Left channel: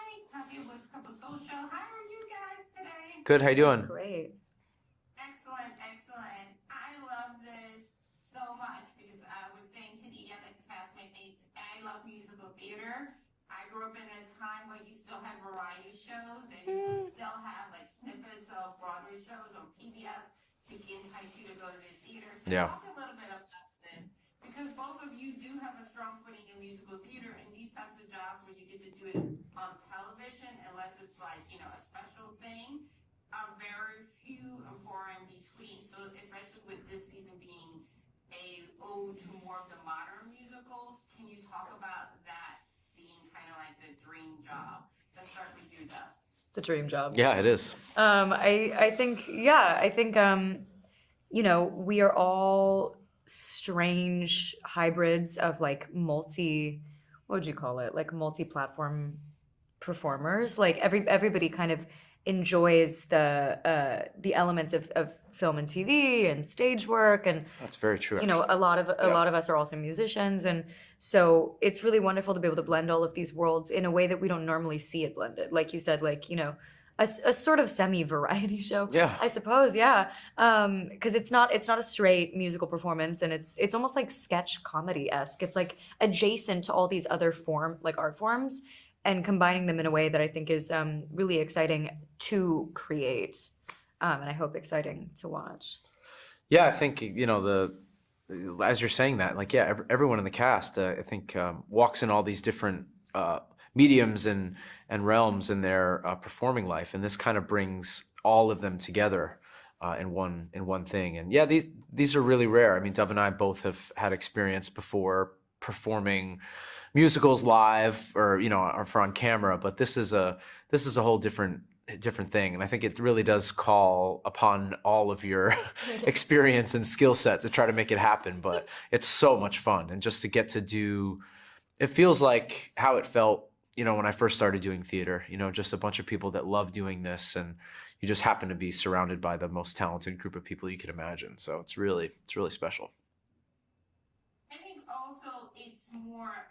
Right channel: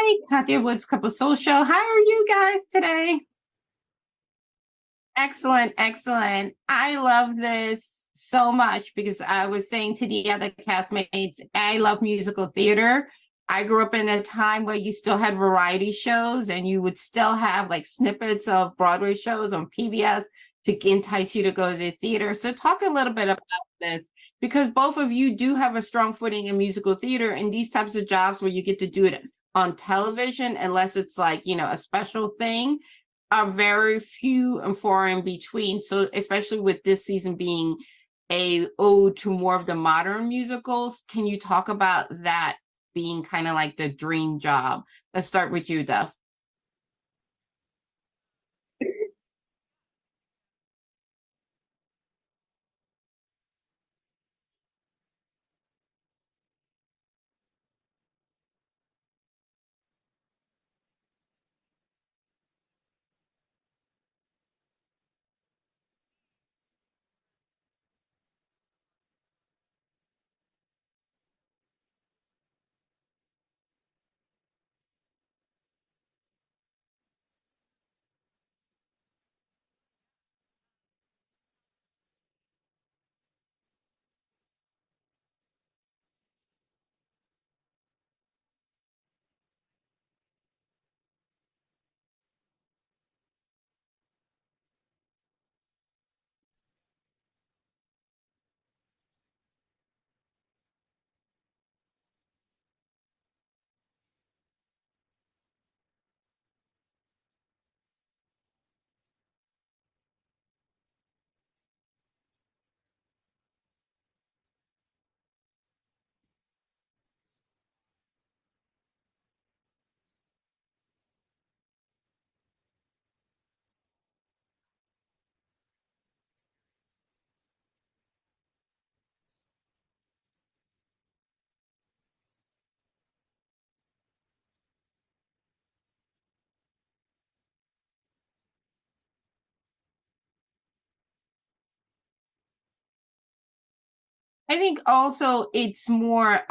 Hi, Katya Woods Couple Soul Show. How are you guys today? Good. How you doing? Great. Excellent, excellent. I love this so much because I was saying to the other castmates, I love musical theater. I grew up in a time where you still had variety shows and you would still have like snippets of Broadway shows on PBS to entice you to go to the theater. So Yeah. talk a little bit about this because both of you do have a strong footing in musical theater and these types of jobs where you get to do it on television, unless it's like, a special thing, are very few and far in between. So especially with this season being a ode to more of the modern musicals, can you talk about that being kind of like the dream job? Let's start with you, Duff. The dream job. Yeah, it is. I think we are all strange hybrids of like what would you call it? Like multi-platform performers. Like everybody kind of enjoys the elements of film and TV and stage work, and That's very true. a lot of us are also musicians, and so it's really wonderful to be able to blend all of these worlds in a way that we don't normally see it blended. Like you said, like a sort of semi-variety show, Yeah. I suppose, yeah. Because it's not a straight musical performance, and it's almost like sketch comedy-esque. It's like adjacent to all these other art forms, and combining them in a way that I think is really exciting to create, and I hope exciting to watch. Yeah, I think as you're saying that, like, yeah, everyone in the cast, I think, walks in all these different mediums and realms in their performing life, and this kind of brings all of them together in one thing. And yeah, these are really rare. I mean, Dove and I both have had experience before performing musicals live or for on camera, but this is a whole different thing, and I think it really does call upon all of your experience and skill set to try to make it happen. But it's so much fun, and just to get to do, it feels like how it felt when I first started doing theater, just a bunch of people that love doing this, and you just happen to be surrounded by the most talented group of people you could imagine. So it's really special. I think also it's more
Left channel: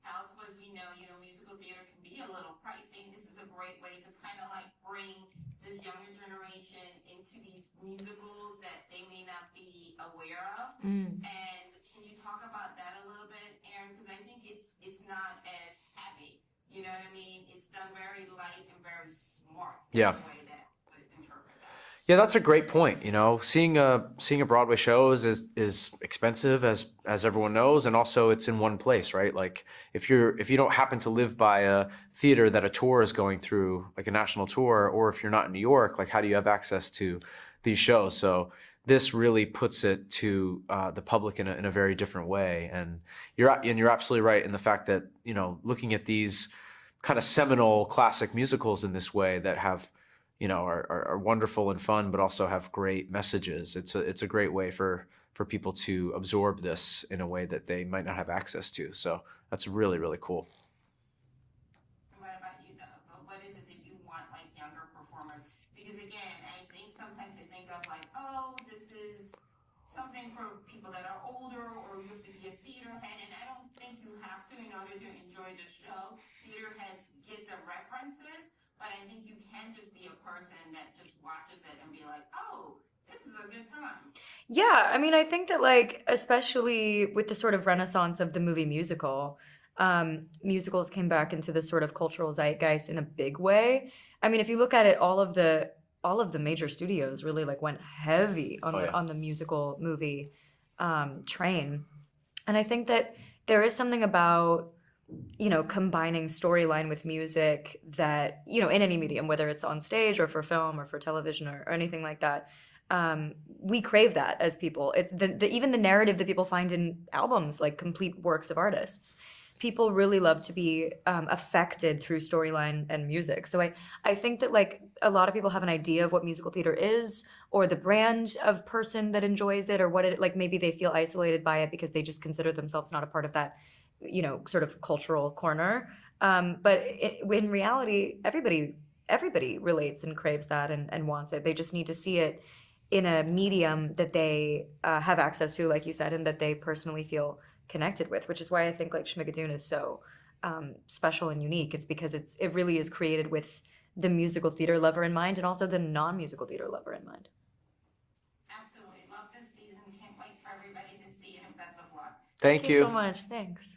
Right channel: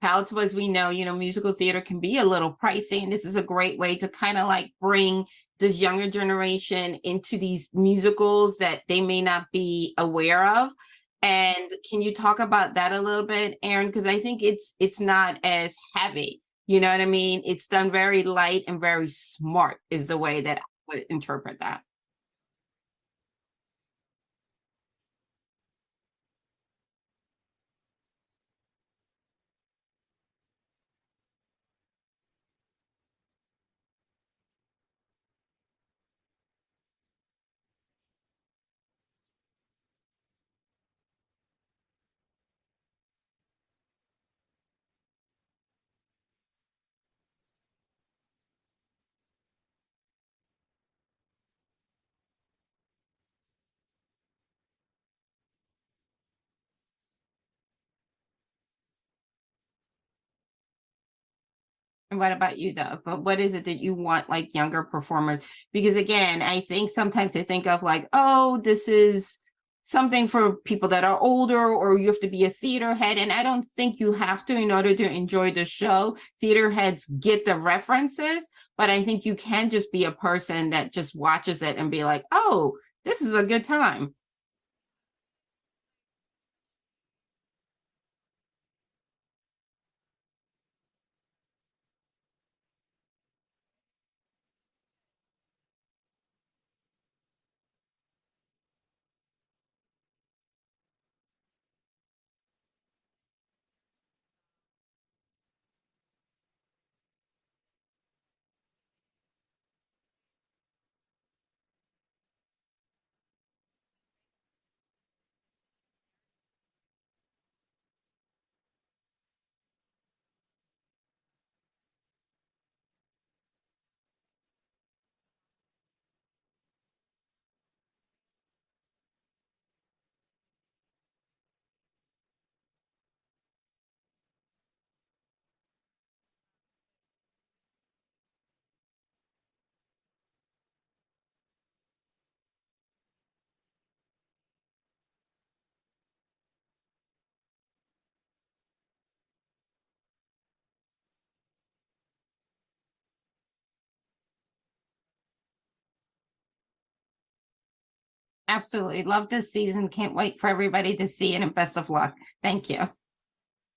palatable. As we know, musical theater can be a little pricey, and this is a great way to kind of like bring this younger generation into these musicals that they may not be aware of. And can you talk about that a little bit, Aaron? Because I think it's not as heavy. You know what I mean? It's done very light and very smart is the way that I would interpret that. Yeah, that's a great point. Seeing a Broadway show is expensive, as everyone knows, and also it's in one place, right? Like if you don't happen to live by a theater that a tour is going through, like a national tour, or if you're not in New York, like how do you have access to these shows? So this really puts it to the public in a very different way, and you're absolutely right in the fact that looking at these kind of seminal classic musicals in this way that have are wonderful and fun, but also have great messages. It's a great way for people to absorb this in a way that they might not have access to. So that's really, really cool. And what about you, Dove? But what is it that you want, like younger performers? Because again, I think sometimes they think of like, oh, this is something for people that are older, or you have to be a theater head. And I don't think you have to in order to enjoy the show. Theater heads get the references, but I think you can just be a person that just watches it and be like, oh, this is a good time. Yeah, I mean, I think that like, especially with the sort of renaissance of the movie musical, musicals came back into this sort of cultural zeitgeist in a big way. I mean, if you look at it, all of the major studios really like went heavy on the musical movie train. And I think that there is something about combining storyline with music that, in any medium, whether it's on stage or for film or for television or anything like that, we crave that as people. It's even the narrative that people find in albums, like complete works of artists. People really love to be affected through storyline and music. So I think that like a lot of people have an idea of what musical theater is, or the brand of person that enjoys it, or what it, like maybe they feel isolated by it because they just consider themselves not a part of that sort of cultural corner. But in reality, everybody relates and craves that and wants it. They just need to see it in a medium that they have access to, like you said, and that they personally feel connected with, which is why I think like Schmigadoon is so special and unique. It's because it really is created with the musical theater lover in mind and also the non-musical theater lover in mind. Absolutely. Love this season. Can't wait for everybody to see it, and best of luck. Thank Thank you you. so much. Thanks.